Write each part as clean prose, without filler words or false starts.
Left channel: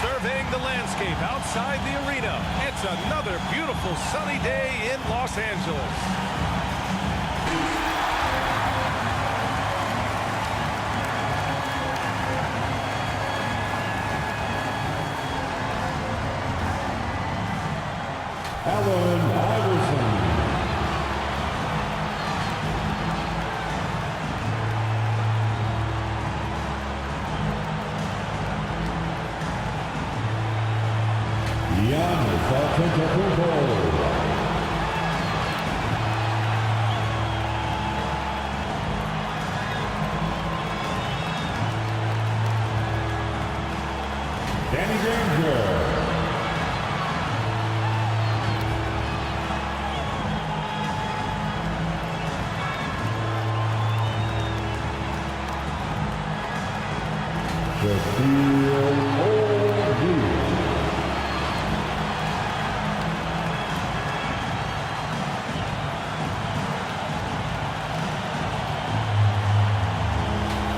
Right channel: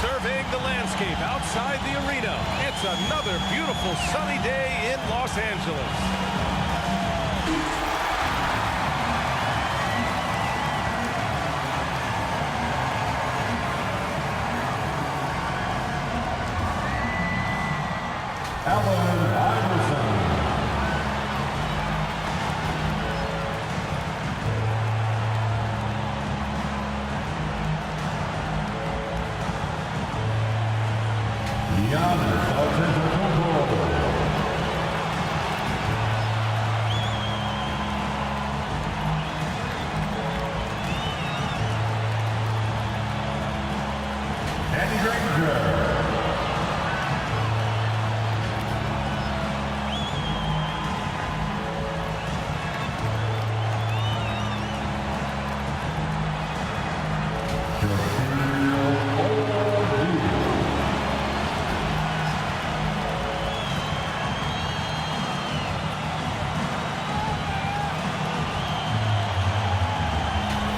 Surveying the landscape outside the arena, it's another beautiful sunny day in Los Angeles. Allen Iverson. Giannis Antetokounmpo. Danny Granger. Shaquille O'Neal.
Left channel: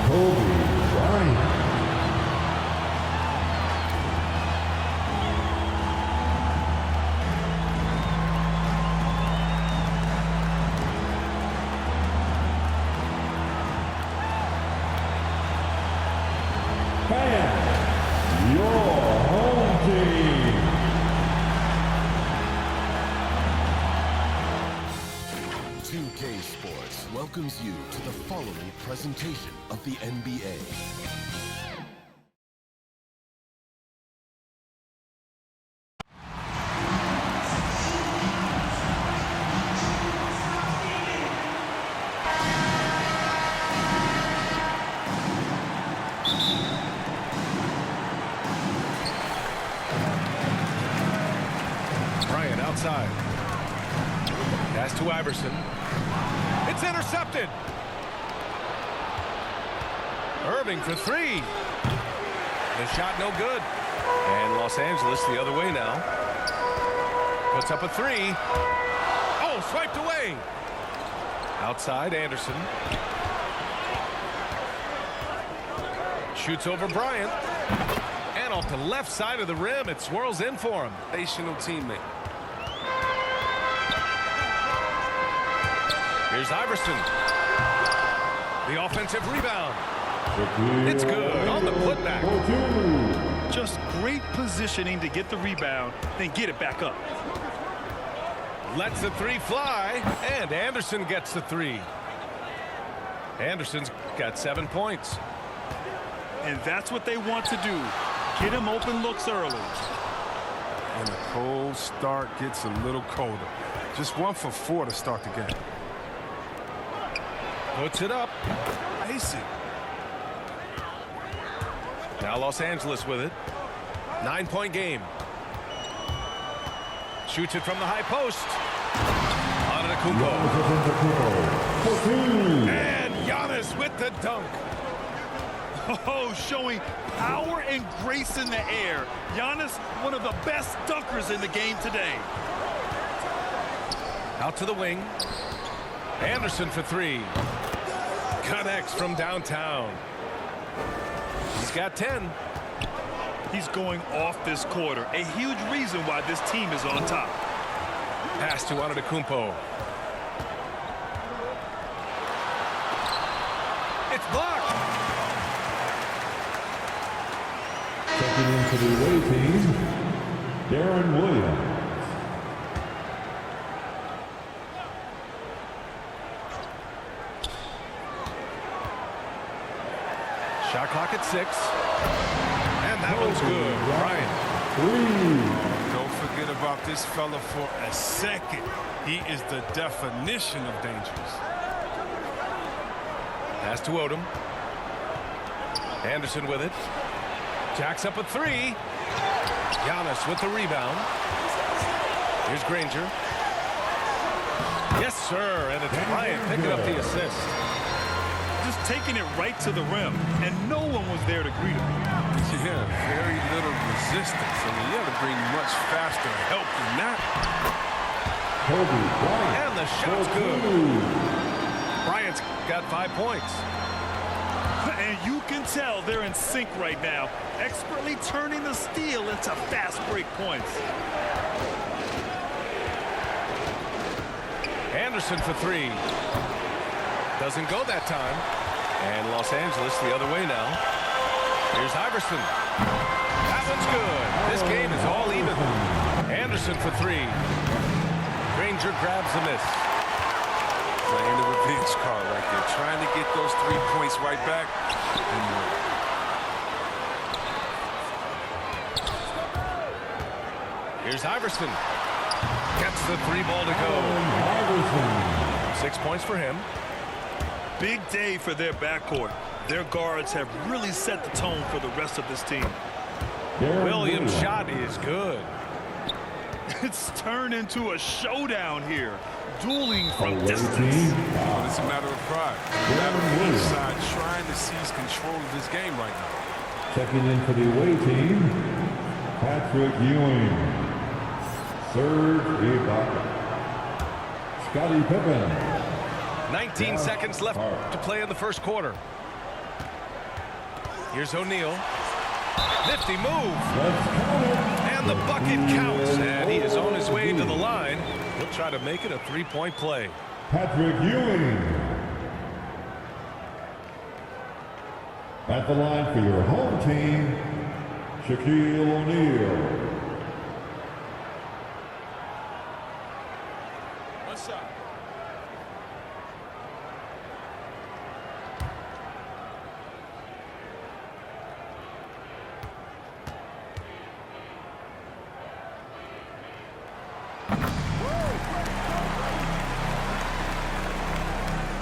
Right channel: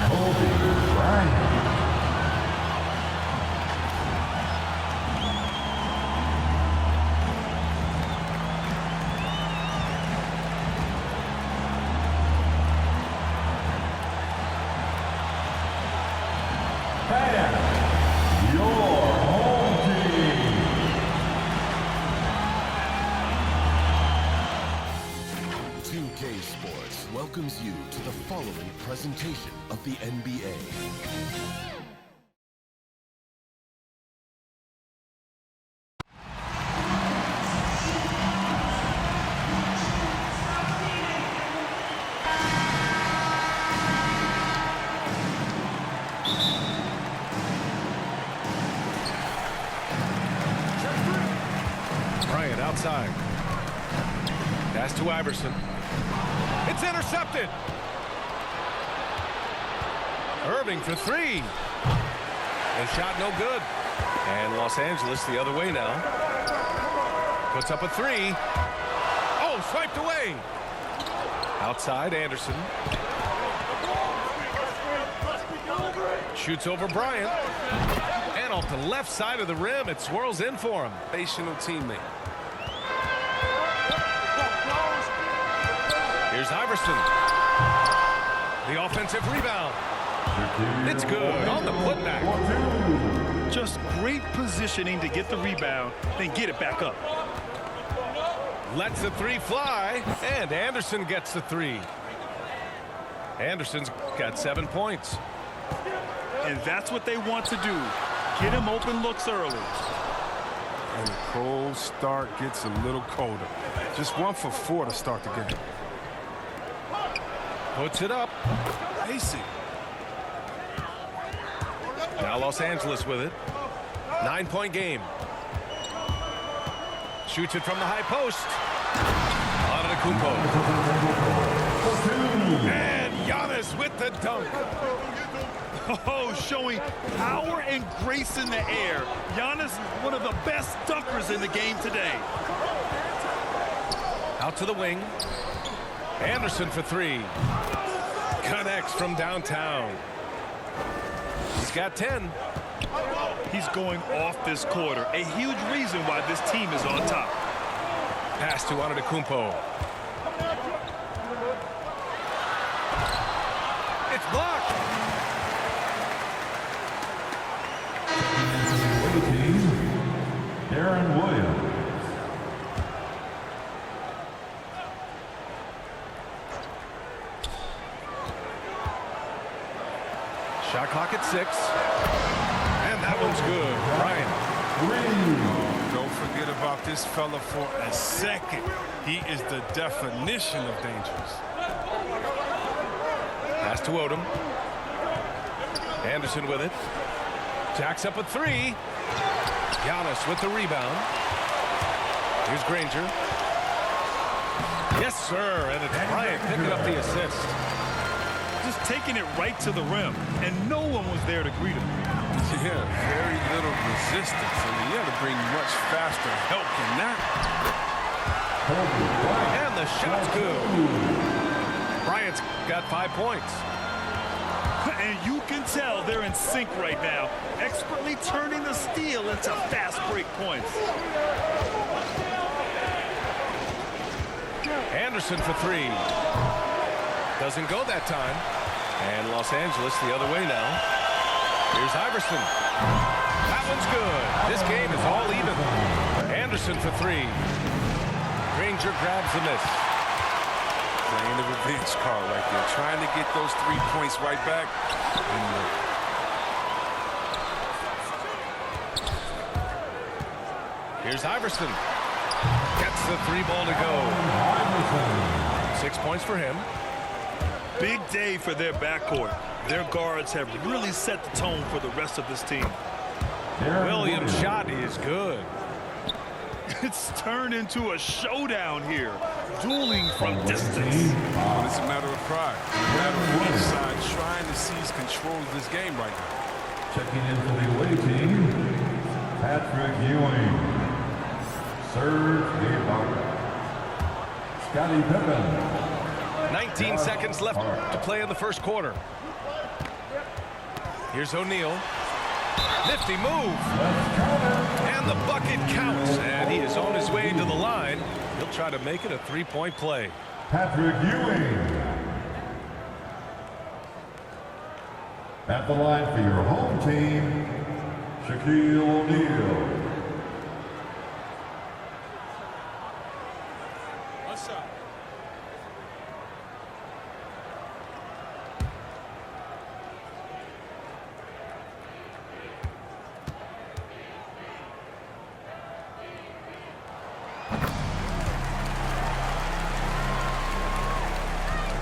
Kobe Bryant. And your home team. K Sports welcomes you to the following presentation of the NBA. Bryant outside. Pass to Iverson. It's intercepted. Irving for three. The shot no good. And Los Angeles the other way now. Puts up a three. Oh, swiped away. Outside, Anderson. Shoots over Bryant. And off the left side of the rim, it swirls in for him. National teammate. Here's Iverson. The offensive rebound. It's good on the putback. Just great positioning to get the rebound, then get it back up. Lets the three fly, and Anderson gets the three. Anderson's got 7 points. And that's what they want to do. Get him open looks early. And a cold start gets a little colder. Just 1 for 4 to start the game. Puts it up. Basic. Now Los Angeles with it. 9-point game. Shoots it from the high post. Antetokounmpo. And Giannis with the dunk. Oh, showing power and grace in the air. Giannis, one of the best dunkers in the game today. Out to the wing. Anderson for three. Connects from downtown. He's got 10. He's going off this quarter. A huge reason why this team is on top. Pass to Antetokounmpo. It's blocked. Checking in for the away team, Darren Williams. Shot clock at 6. And that one's good. Bryant. Oh, don't forget about this fella for a second. He is the definition of dangerous. Pass to Odom. Anderson with it. Jacks up a three. Giannis with the rebound. Here's Granger. Yes, sir. And it's Bryant picking up the assist. Just taking it right to the rim, and no one was there to greet him. Yeah, very little resistance. I mean, you got to bring much faster help than that. Kobe Bryant. And the shot's good. Bryant's got 5 points. And you can tell they're in sync right now, expertly turning the steal into fast break points. Anderson for three. Doesn't go that time. And Los Angeles the other way now. Here's Iverson. That one's good. This game is all even. Anderson for three. Granger grabs the miss. Playing the revenge card right there. Trying to get those 3 points right back. Didn't work. Here's Iverson. Gets the three ball to go. Iverson. 6 points for him. Big day for their backcourt. Their guards have really set the tone for the rest of this team. Williams' shot is good. It's turned into a showdown here. Dueling from Away distance. team, But it's a matter of pride. And a matter of each side trying to seize control of this game right now. Checking in for the away team, Patrick Ewing, Serge Ibaka, Scottie Pippen. 19 seconds left to play in the first quarter. Here's O'Neal. Nifty move. Let's count it. And the bucket counts. And he is on his way to the line. He'll try to make it a three-point play. Patrick Ewing. At the line for your home team, Shaquille O'Neal. One side.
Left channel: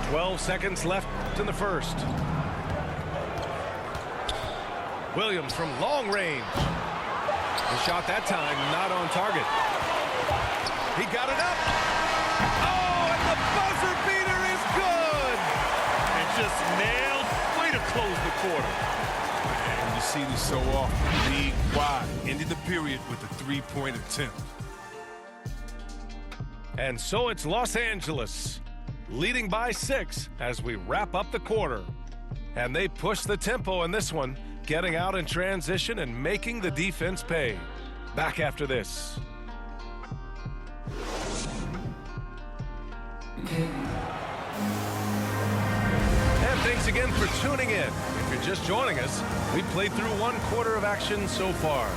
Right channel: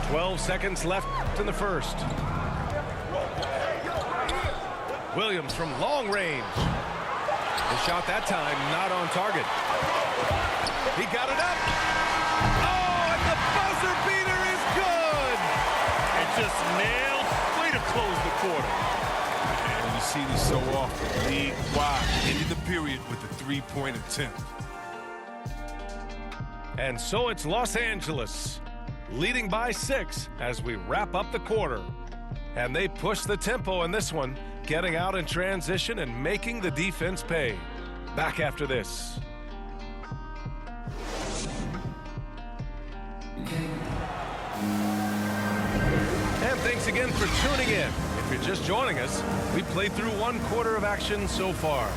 Twelve seconds left in the first. Williams from long range. The shot that time not on target. He got it up. Oh, and the buzzer beater is good. And just nailed. Way to close the quarter. And you see this so often. League-wide. Ended the period with a three-point attempt. And so it's Los Angeles, leading by 6 as we wrap up the quarter. And they push the tempo in this one, getting out in transition and making the defense pay. Back after this. And thanks again for tuning in. If you're just joining us, we played through 1 quarter of action so far.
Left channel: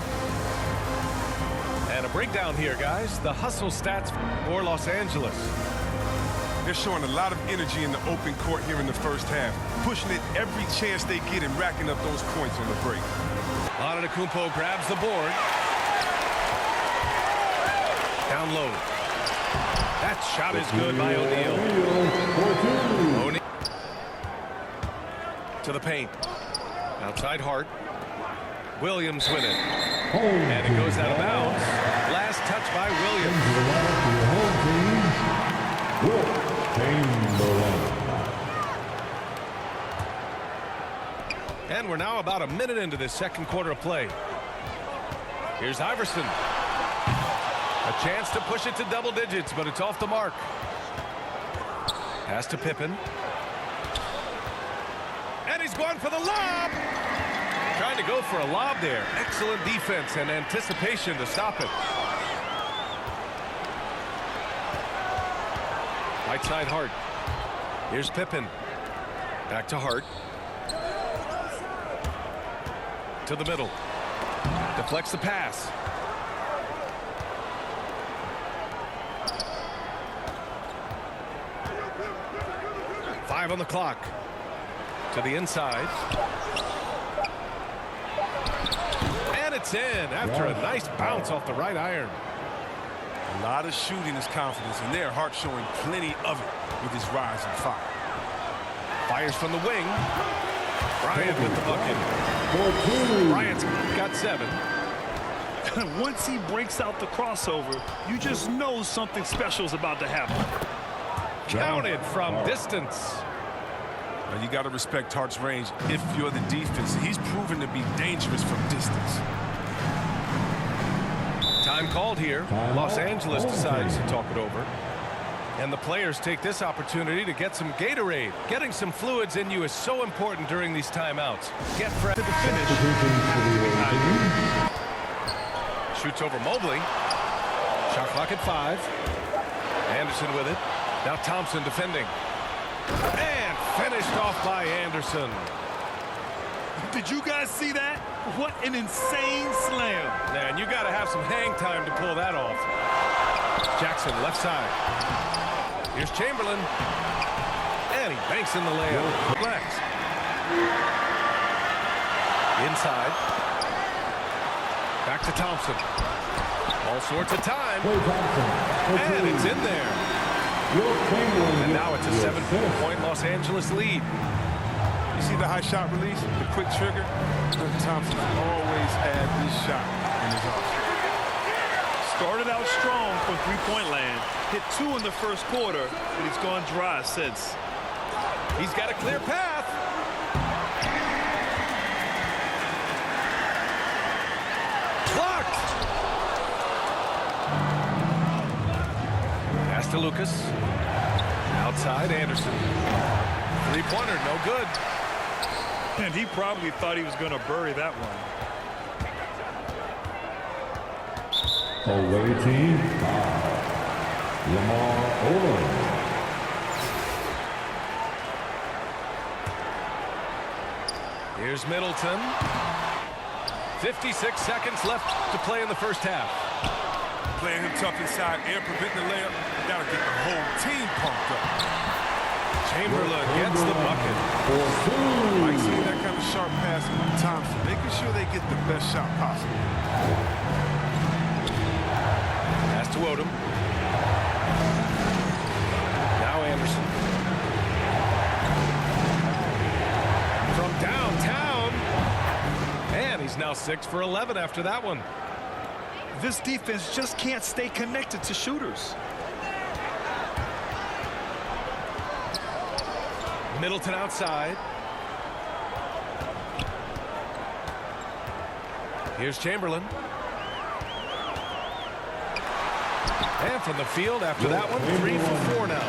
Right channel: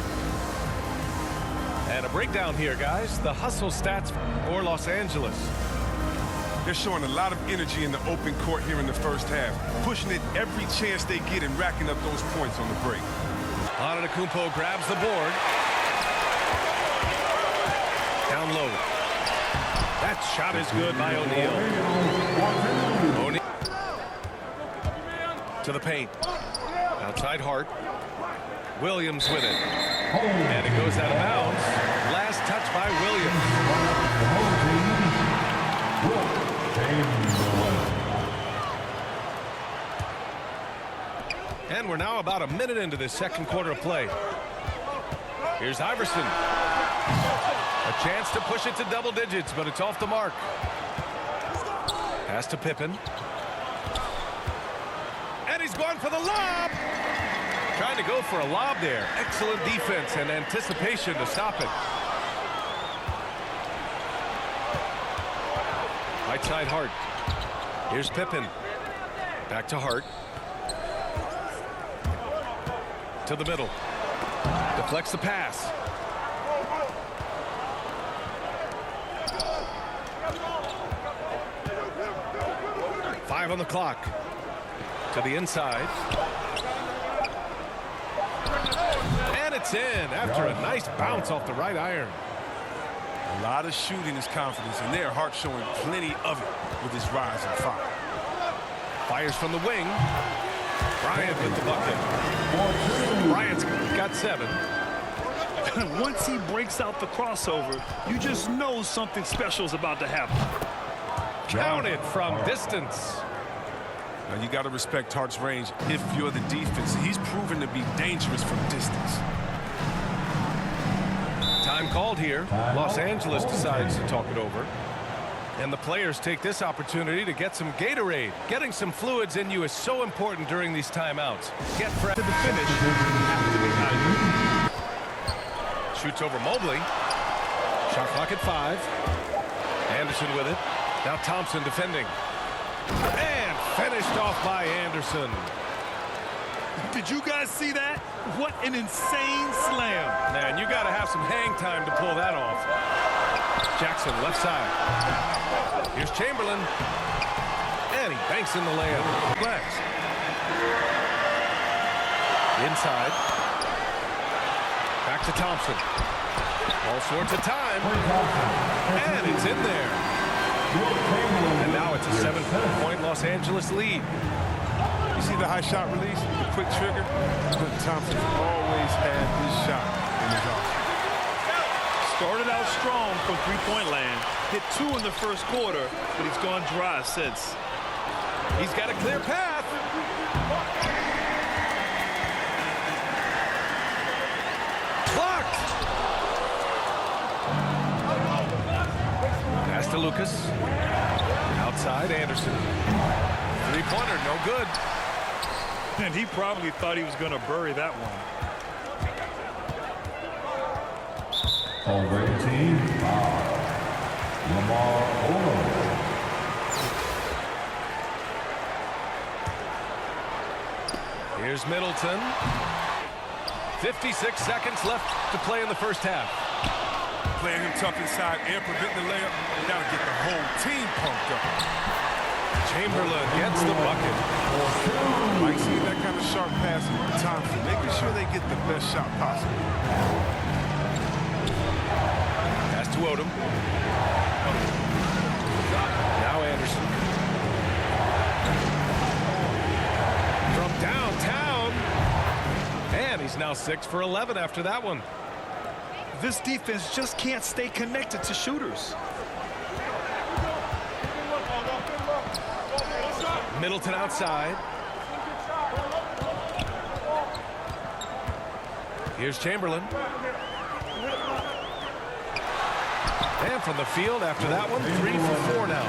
And a breakdown here, guys. The hustle stats for Los Angeles. They're showing a lot of energy in the open court here in the first half, pushing it every chance they get and racking up those points on the break. Antetokounmpo grabs the board. Down low. That shot is good by O'Neal. O'Neal to the paint. Outside Hart. Williams with it. And it goes out of bounds. Last touch by Williams. And we're now about a minute into this second quarter of play. Here's Iverson. A chance to push it to double digits, but it's off the mark. Pass to Pippen. And he's going for the lob. Trying to go for a lob there. Excellent defense and anticipation to stop it. Right side Hart. Here's Pippen. Back to Hart. To the middle. Deflects the pass. Five on the clock. To the inside. And it's in after a nice bounce off the right iron. A lot of shooting is confidence, and there Hart showing plenty of it with his rise and fire. Fires from the wing. Bryant with the bucket. Bryant's got 7. Once he breaks out the crossover, you just know something special is about to happen. Counted from distance. Now you got to respect Hart's range if you're the defense. He's proven to be dangerous from distance. Time called here. Los Angeles decides to talk it over. And the players take this opportunity to get some Gatorade. Getting some fluids in you is so important during these timeouts. Get fresh To the finish. Have to be hydrated. Shoots over Mobley. Shot clock at 5. Anderson with it. Now Thompson defending. And finished off by Anderson. Did you guys see that? What an insane slam. Man, you got to have some hang time to pull that off. Jackson left side. Here's Chamberlain. And he banks in the layup. Relax. Inside. Back to Thompson. All sorts of time. And it's in there. And now it's a 7-point Los Angeles lead. You see the high shot release, the quick trigger? Thompson's always had this shot in his arsenal. Started out strong from three-point land. Hit 2 in the first quarter, but he's gone dry since. He's got a clear path. Blocked. Pass to Lucas. Outside, Anderson. Three-pointer, no good. And he probably thought he was going to bury that one. Away team, Lamar Odom. Here's Middleton. 56 seconds left to play in the first half. Playing him tough inside, air preventing the layup. That'll get the whole team pumped up. Chamberlain gets the bucket. Like seeing that kind of sharp passing from Thompson, making sure they get the best shot possible. Pass to Odom. Now Anderson. From downtown. And he's now 6 for 11 after that one. This defense just can't stay connected to shooters. Middleton outside. Here's Chamberlain. And from the field after that one, 3 for 4 now.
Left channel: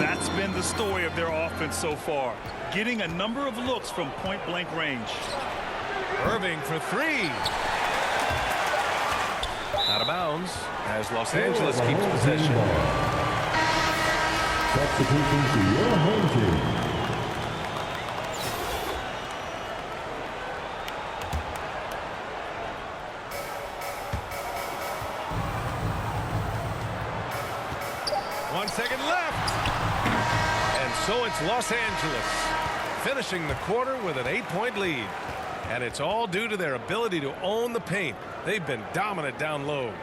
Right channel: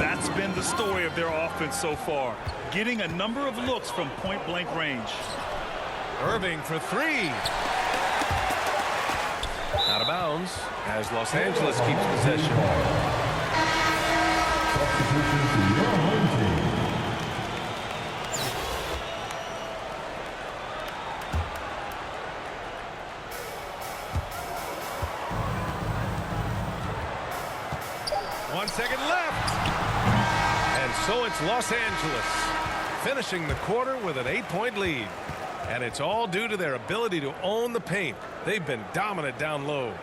That's been the story of their offense so far. Getting a number of looks from point-blank range. Irving for 3. Out of bounds as Los Angeles keeps possession. Substitution to your home team. One second left. And so it's Los Angeles finishing the quarter with an 8-point lead. And it's all due to their ability to own the paint. They've been dominant down low.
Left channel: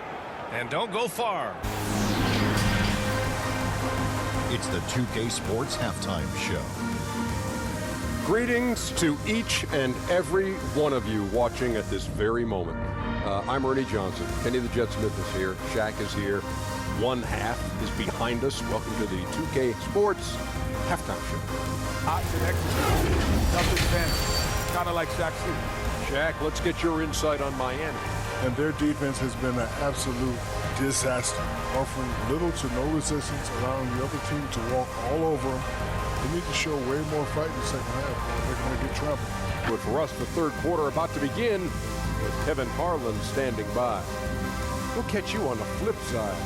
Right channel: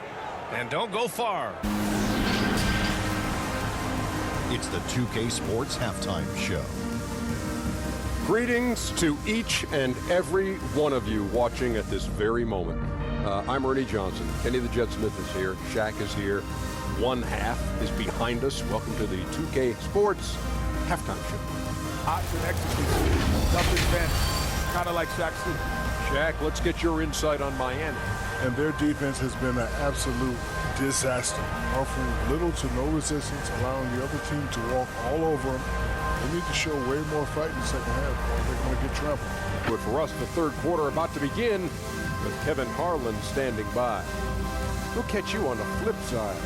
And don't go far. It's the 2K Sports Halftime Show. Greetings to each and every one of you watching at this very moment. I'm Ernie Johnson. Kenny the Jet Smith is here. Shaq is here. One half is behind us. Welcome to the 2K Sports Halftime Show. Option execution. Nothing fancy. Kind of like Shaq City. Shaq, let's get your insight on Miami. And their defense has been an absolute disaster, offering little to no resistance, allowing the other team to walk all over them. They need to show way more fight in the second half, or they're going to get trampled. But for us, the third quarter about to begin with Kevin Harlan standing by. We'll catch you on the flip side.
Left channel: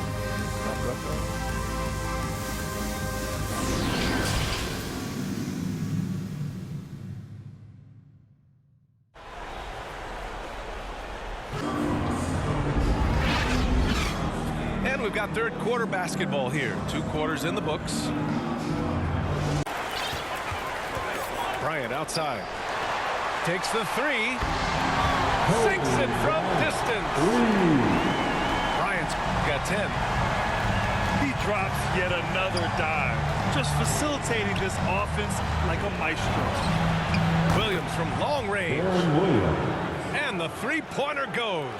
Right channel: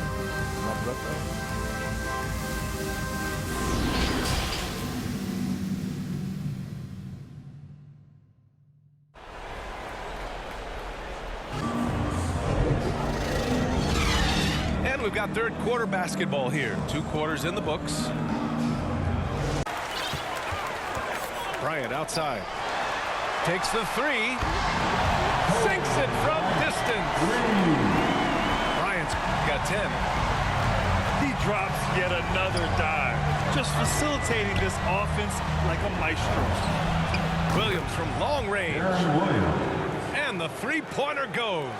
And we've got third quarter basketball here. 2 quarters in the books. Bryant outside. Takes the 3. Sinks it from distance. Bryant's got 10. He drops yet another dive, just facilitating this offense like a maestro. Williams from long range. Aaron Williams. And the three-pointer goes.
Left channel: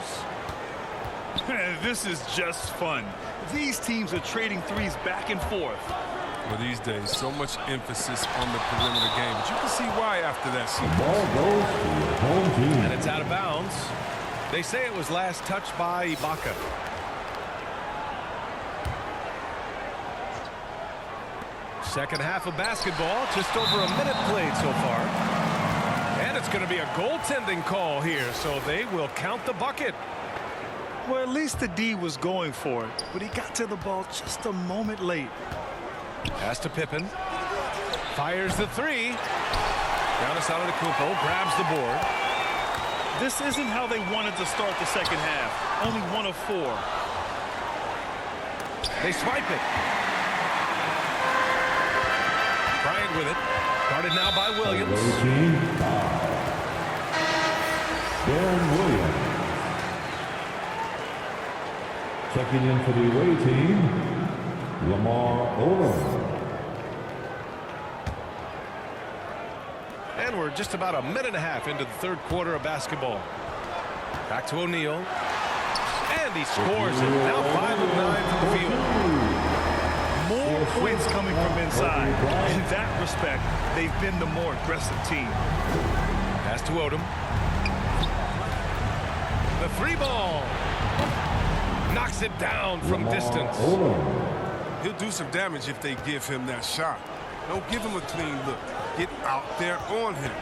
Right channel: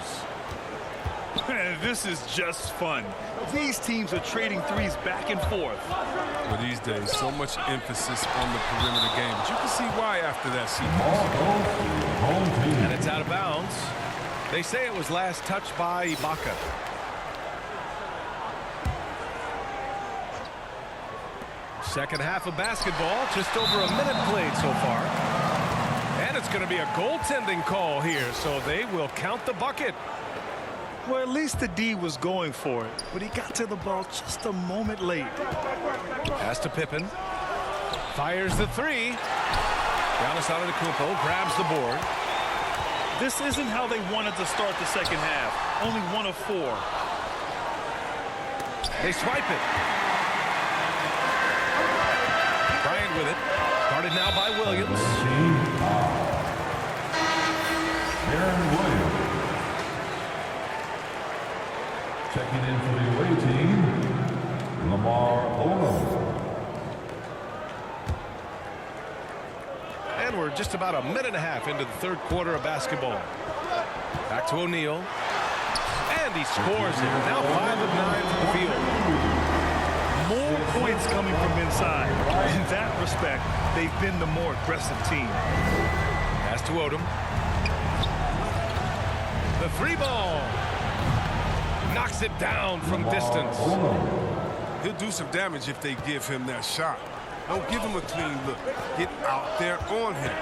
This is just fun. These teams are trading threes back and forth. Well, these days, so much emphasis on the perimeter game, but you can see why after that sequence. Ball goes to your home team. And it's out of bounds. They say it was last touched by Ibaka. Second half of basketball, just over a minute played so far. And it's going to be a goaltending call here, so they will count the bucket. Well, at least the D was going for it, but he got to the ball just a moment late. Pass to Pippen. Fires the three. Giannis Antetokounmpo grabs the board. This isn't how they wanted to start the second half. Only 1 of 4. They swipe it. Bryant with it. Guarded now by Williams. Team foul. Baron Williams. Checking in for the away team, Lamar Odom. And we're just about a minute and a half into the third quarter of basketball. Back to O'Neal. And he scores it. Now 5 of 9 from the field. More points coming from inside. In that respect, they've been the more aggressive team. Pass to Odom. The three ball. Knocks it down from distance. He'll do some damage if they give him that shot. Don't give him a clean look. Get out there on him.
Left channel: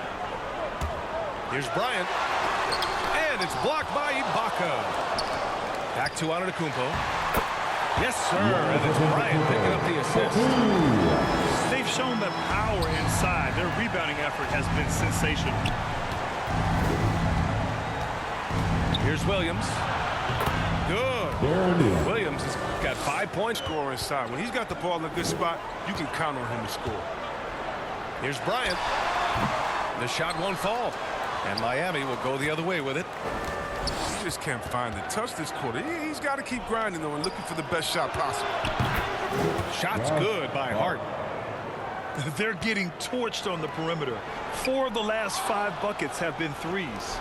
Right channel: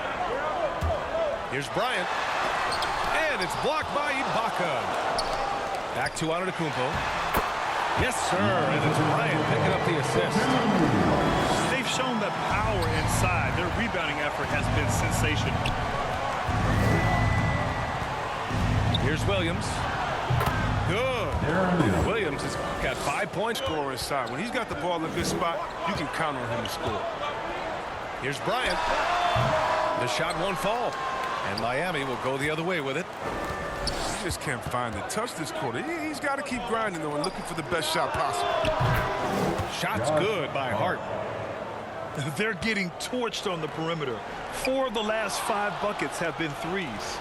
Here's Bryant. And it's blocked by Ibaka. Back to Antetokounmpo. Yes, sir. And it's Bryant picking up the assist. They've shown that power inside. Their rebounding effort has been sensational. Here's Williams. Good. Williams has got 5 points. Score inside. When he's got the ball in a good spot, you can count on him to score. Here's Bryant. The shot won't fall. And Miami will go the other way with it. He just can't find the touch this quarter. He's got to keep grinding, though, and looking for the best shot possible. Shot's good by Hart. They're getting torched on the perimeter. 4 of the last 5 buckets have been threes.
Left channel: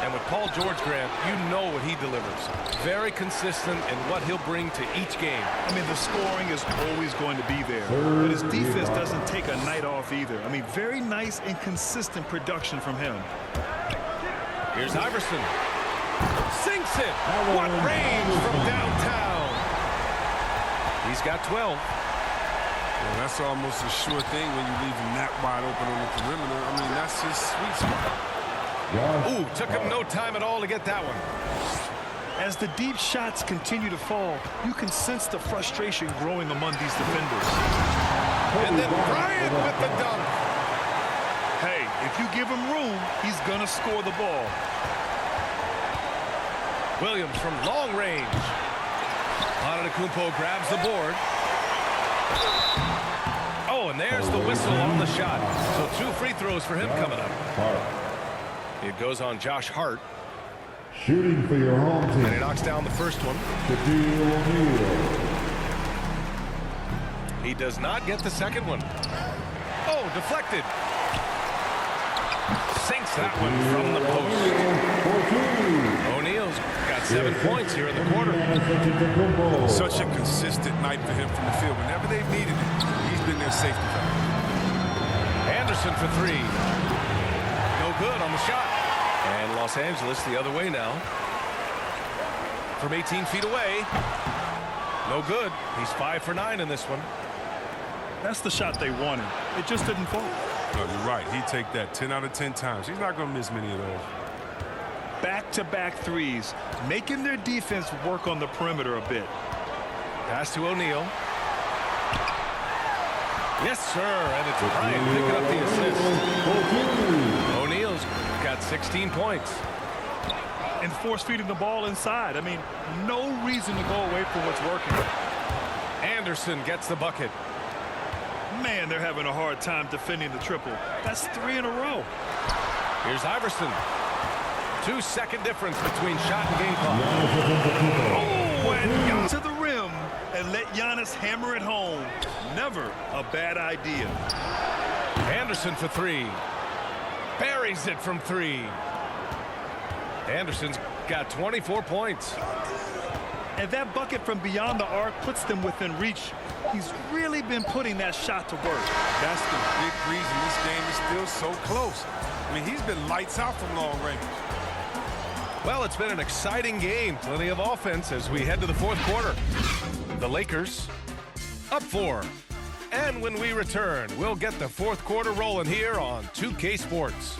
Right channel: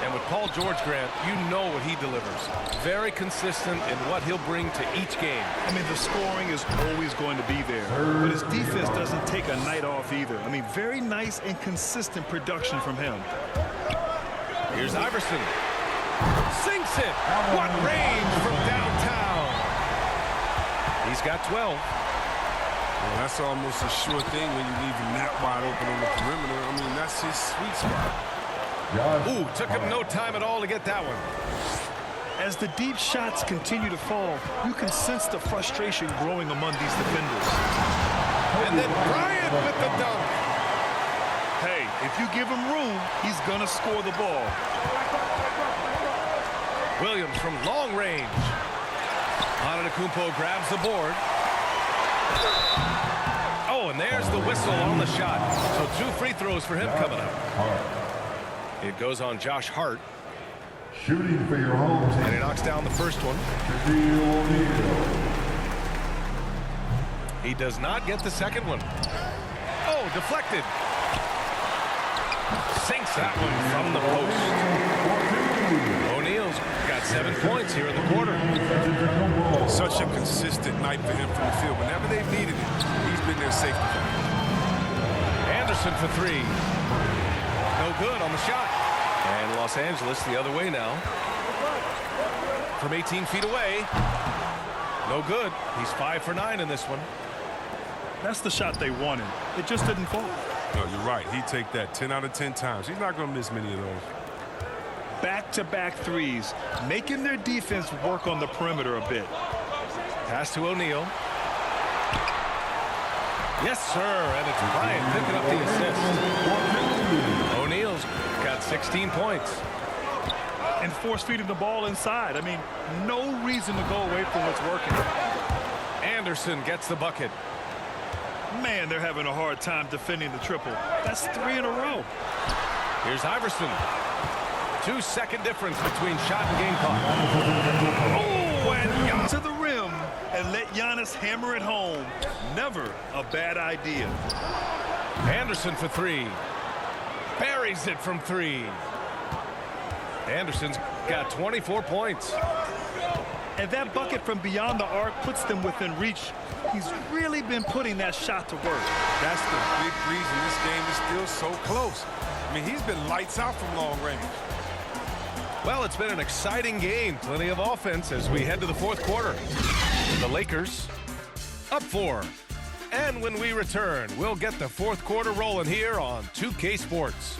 And with Paul George, Grant, you know what he delivers. Very consistent in what he'll bring to each game. I mean, the scoring is always going to be there. But his defense doesn't take a night off either. I mean, very nice and consistent production from him. Here's Iverson. Sinks it. What range from downtown. He's got 12. Well, that's almost a sure thing when you leave him that wide open on the perimeter. I mean, that's his sweet spot. Ooh, took him no time at all to get that one. As the deep shots continue to fall, you can sense the frustration growing among these defenders. And then Bryant with the dunk. Hey, if you give him room, he's going to score the ball. Williams from long range. Antetokounmpo grabs the board. Oh, and there's the whistle on the shot. So 2 free throws for him coming up. It goes on Josh Hart. Shooting for your home team. And he knocks down the first one. Shaquille O'Neal. He does not get the second one. Oh, deflected. Sinks that one from the post. O'Neal's got 7 points here in the quarter. Such a consistent night for him from the field. Whenever they've needed it, he's been their safety valve. Anderson for 3. No good on the shot. And Los Angeles the other way now. From 18 feet away. No good. He's 5 for 9 in this one. That's the shot they wanted. It just didn't fall. No, you're right. He'd take that 10 out of 10 times. He's not going to miss many of those. Back-to-back threes, making their defense work on the perimeter a bit. Pass to O'Neal. Yes, sir, and it's Bryant picking up the assist. O'Neal's got 16 points. And force-feeding the ball inside. I mean, no reason to go away from what's working. Anderson gets the bucket. Man, they're having a hard time defending the triple. That's 3 in a row. Here's Iverson. 2-second difference between shot and game clock. Oh, and to the rim and let Giannis hammer it home. Never a bad idea. Anderson for 3. Buries it from 3. Anderson's got 24 points. And that bucket from beyond the arc puts them within reach. He's really been putting that shot to work. That's the big reason this game is still so close. I mean, he's been lights out from long range. Well, it's been an exciting game. Plenty of offense as we head to the fourth quarter. The Lakers up 4. And when we return, we'll get the fourth quarter rolling here on 2K Sports.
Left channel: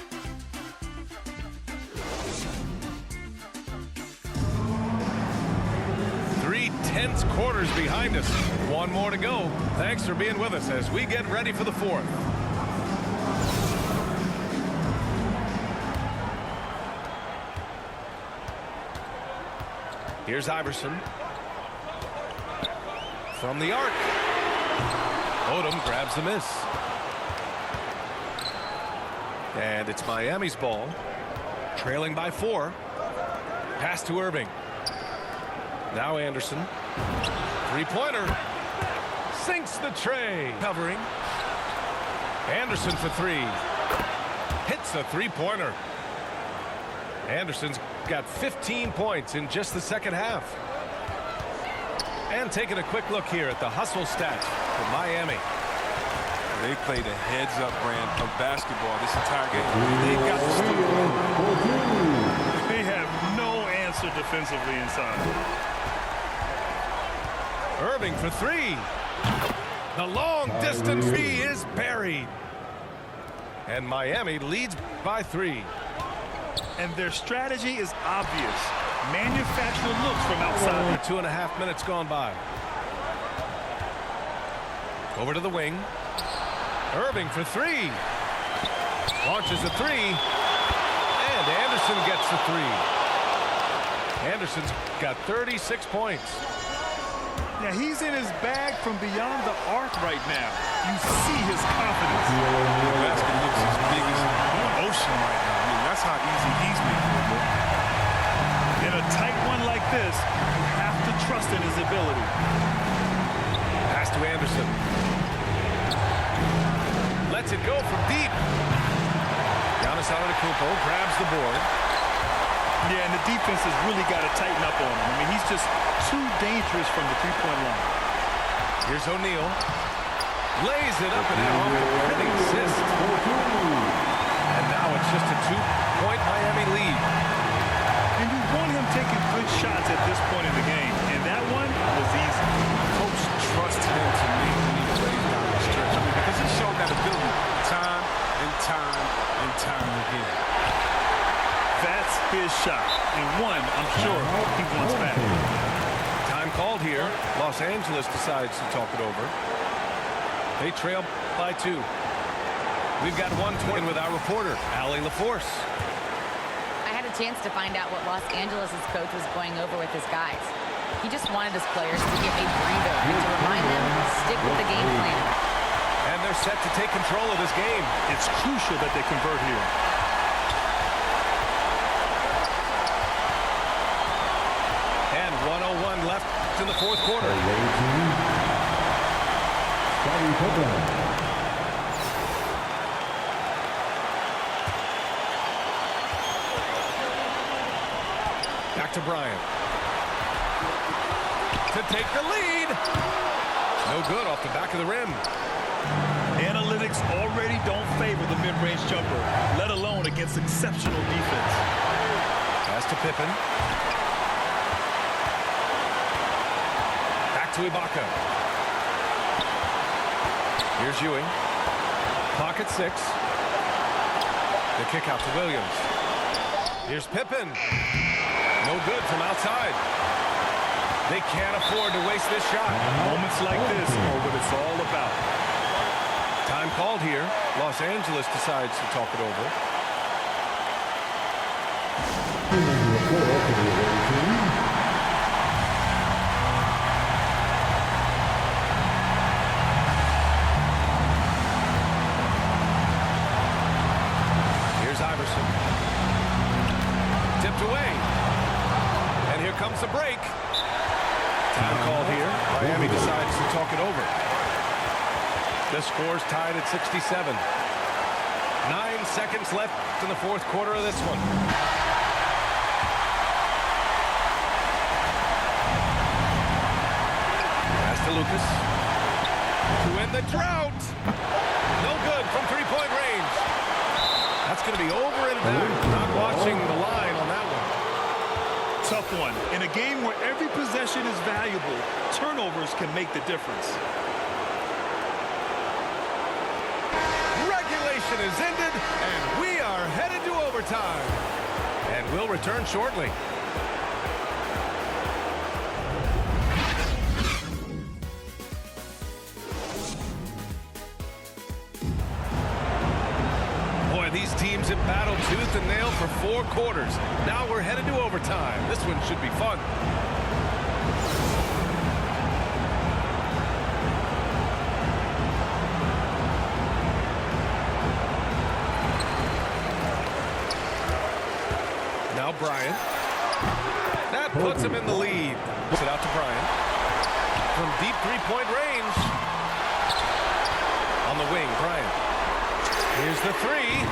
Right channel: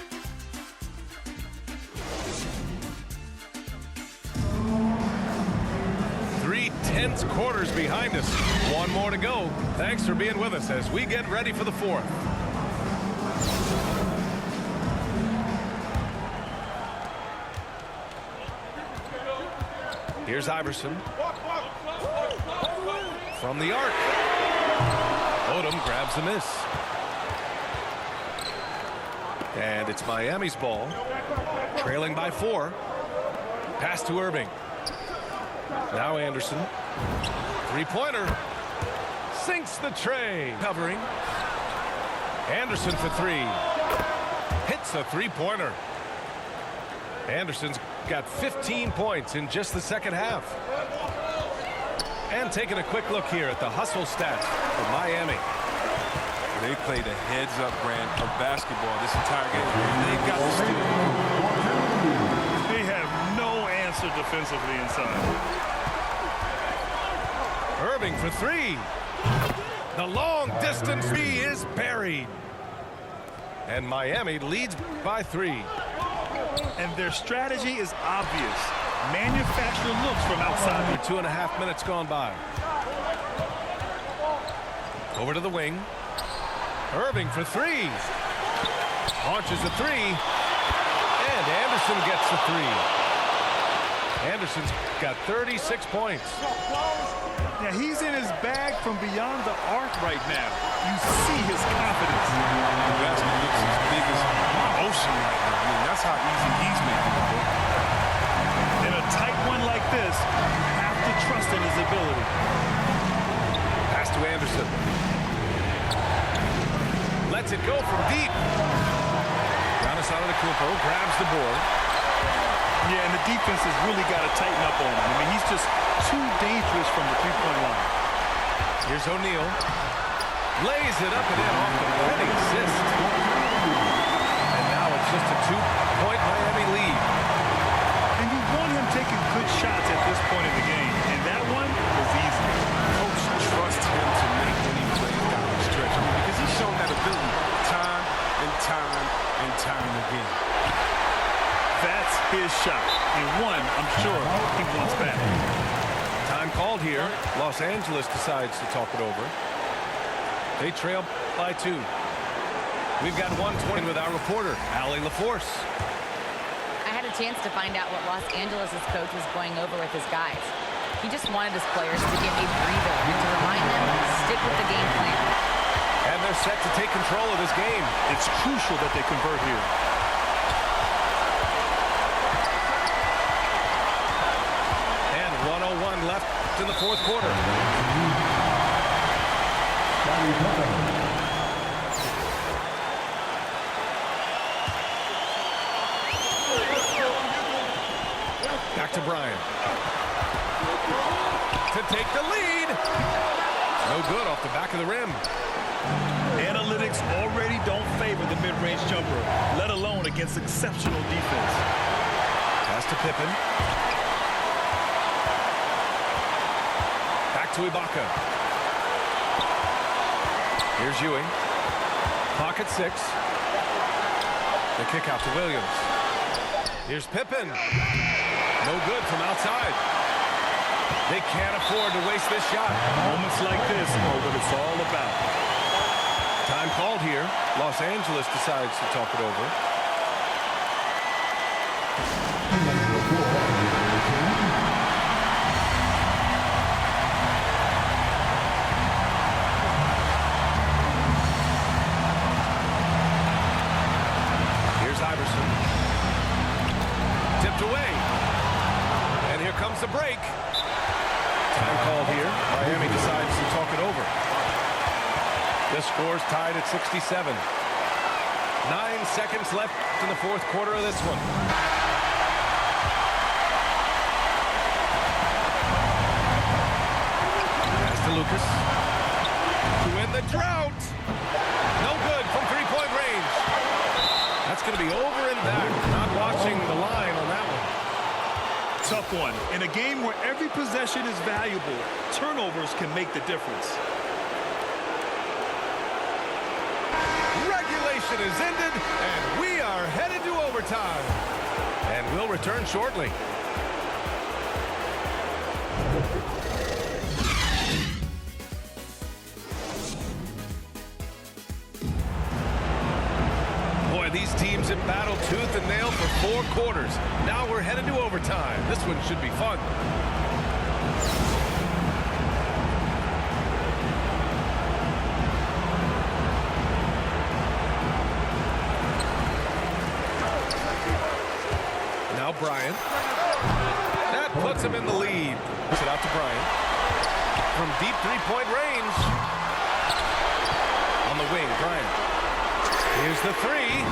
Three tense quarters behind us. One more to go. Thanks for being with us as we get ready for the fourth. Here's Iverson. From the arc. Odom grabs the miss. And it's Miami's ball. Trailing by 4. Pass to Irving. Now Anderson. Three-pointer. Sinks the tray. Covering. Anderson for 3. Hits a three-pointer. Anderson's got 15 points in just the second half. And taking a quick look here at the hustle stats for Miami. They played a heads-up brand of basketball this entire game. They got the steal. They have no answer defensively inside. Irving for 3. The long distance three is buried. And Miami leads by 3. And their strategy is obvious. Manufacture looks from outside. 2.5 minutes gone by. Over to the wing. Irving for 3. Launches a 3. And Anderson gets the 3. Anderson's got 36 points. Yeah, he's in his bag from beyond the arc right now. You see his confidence. The basket looks as big as the ocean right now. I mean, that's how easy he's making it look. In a tight one like this, you have to trust in his ability. Pass to Anderson. Lets it go from deep. Giannis Antetokounmpo grabs the board. Yeah, and the defense has really got to tighten up on him. I mean, he's just too dangerous from the three-point line. Here's O'Neal. Lays it up and in off the pretty assist. And now it's just a 2-point Miami lead. And you want him taking good shots at this point in the game. And that one was easy. Coach trusts him to make when he plays down the stretch. I mean, because he's shown that ability time and time and time again. That's his shot. And one, I'm sure, he wants back. Time called here. Los Angeles decides to talk it over. They trail by 2. We've got 120 with our reporter, Allie LaForce. I had a chance to find out what Los Angeles' coach was going over with his guys. He just wanted his players to get a breather and to remind them to stick with the game plan. And they're set to take control of this game. It's crucial that they convert here. And 1:01 left in the fourth quarter. Scottie Pippen. Back to Bryant. To take the lead. No good off the back of the rim. Analytics already don't favor the mid-range jumper, let alone against exceptional defense. Pass to Pippen. Back to Ibaka. Here's Ewing. Clock at 6. The kick out to Williams. Here's Pippen. No good from outside. They can't afford to waste this shot. Moments like this are what it's all about. Time called here. Los Angeles decides to talk it over. Number 4 for the away team. Here's Iverson. Tipped away. And here comes the break. Time called here. Miami decides to talk it over. The score's tied at 67. 9 seconds left in the fourth quarter of this one. Pass to Lucas. To end the drought. No good from three-point range. That's going to be over and back. Not watching the line on that one. Tough one. In a game where every possession is valuable, turnovers can make the difference. regulation is ended, and we are headed to overtime. And we'll return shortly. Boy, these teams have battled tooth and nail for 4 quarters. Now we're headed to overtime. This one should be fun. Now Bryant. That puts him in the lead. Puts it out to Bryant. From deep three-point range. On the wing, Bryant. Here's the three.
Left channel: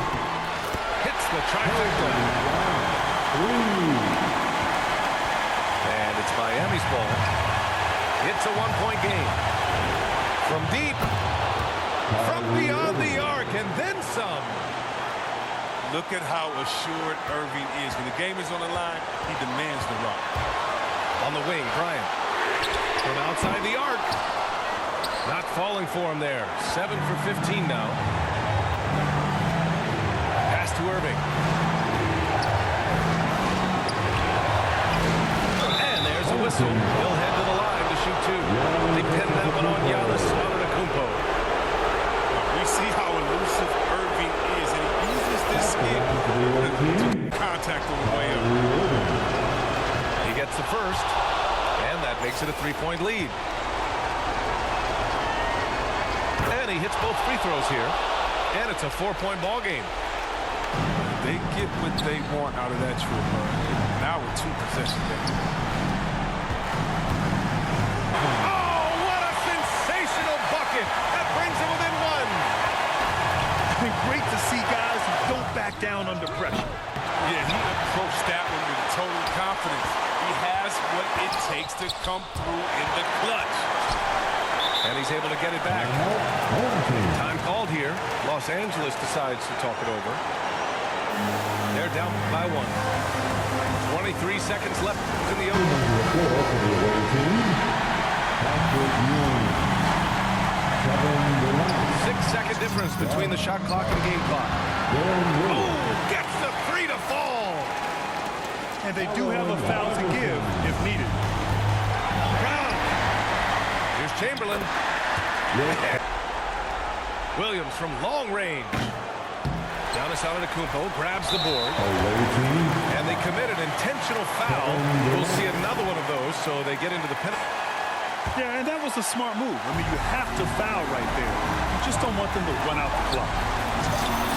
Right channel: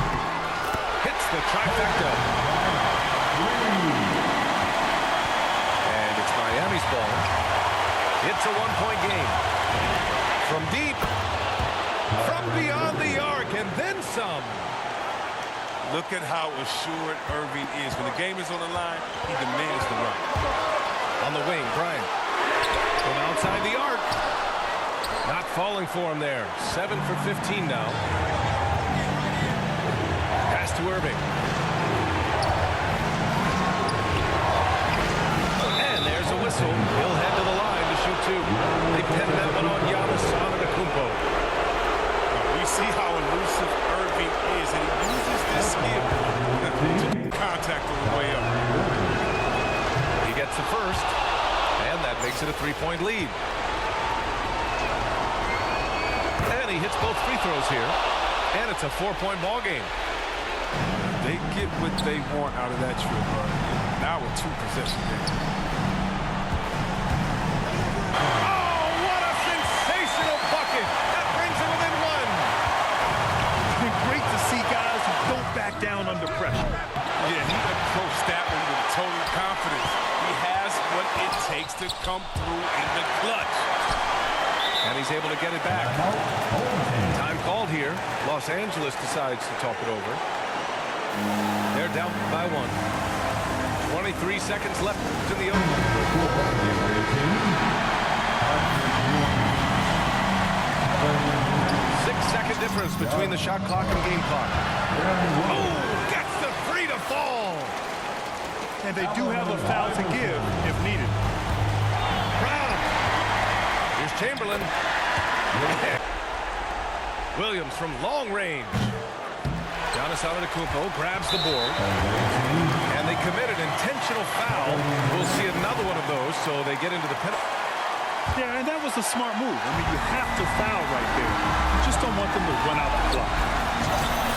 Hits the trifecta. And it's Miami's ball. It's a 1-point game. From deep. From beyond the arc, and then some. Look at how assured Irving is. When the game is on the line, he demands the rock. On the wing, Bryant. From outside the arc. Not falling for him there. 7 for 15 now. Pass to Irving. And there's a whistle. He'll head to the line to shoot 2. They pinned that one on Giannis Antetokounmpo. We see how elusive Irving is, and he uses this skill to contact on the way up. He gets the first, and that makes it a 3-point lead. And he hits both free throws here, and it's a 4-point ball game. They get what they want out of that trip. Now a 2-possession game. Oh, what a sensational bucket! That brings him within 1. Great to see guys who don't back down under pressure. Yeah, he approached that one with total confidence. He has what it takes to come through in the clutch. And he's able to get it back. Time called here. Los Angeles decides to talk it over. They're down by 1. 23 seconds left in the open. 6-second difference between the shot clock and game clock. Oh, gets the 3 to fall. And they do have a foul to give if needed. Brown. Here's Chamberlain. Williams from long range. Giannis Antetokounmpo grabs the board. And they commit an intentional foul. We'll see another one of those, so they get into the penalty. Yeah, and that was a smart move. I mean, you have to foul right there. You just don't want them to run out the clock.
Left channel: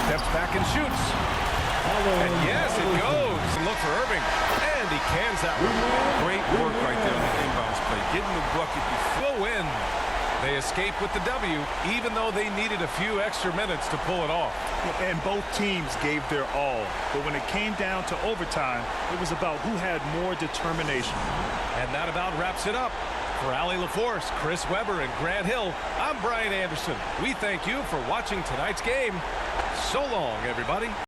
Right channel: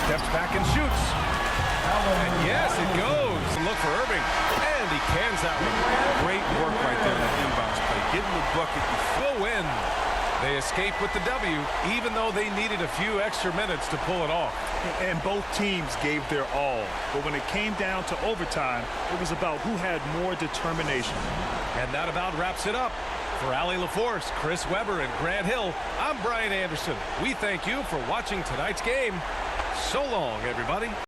Steps back and shoots. And yes, it goes. And look for Irving. And he cans that one. Great work right there on the inbounds play. Getting the bucket before win. They escape with the W, even though they needed a few extra minutes to pull it off. And both teams gave their all. But when it came down to overtime, it was about who had more determination. And that about wraps it up. For Allie LaForce, Chris Webber, and Grant Hill, I'm Brian Anderson. We thank you for watching tonight's game. So long, everybody.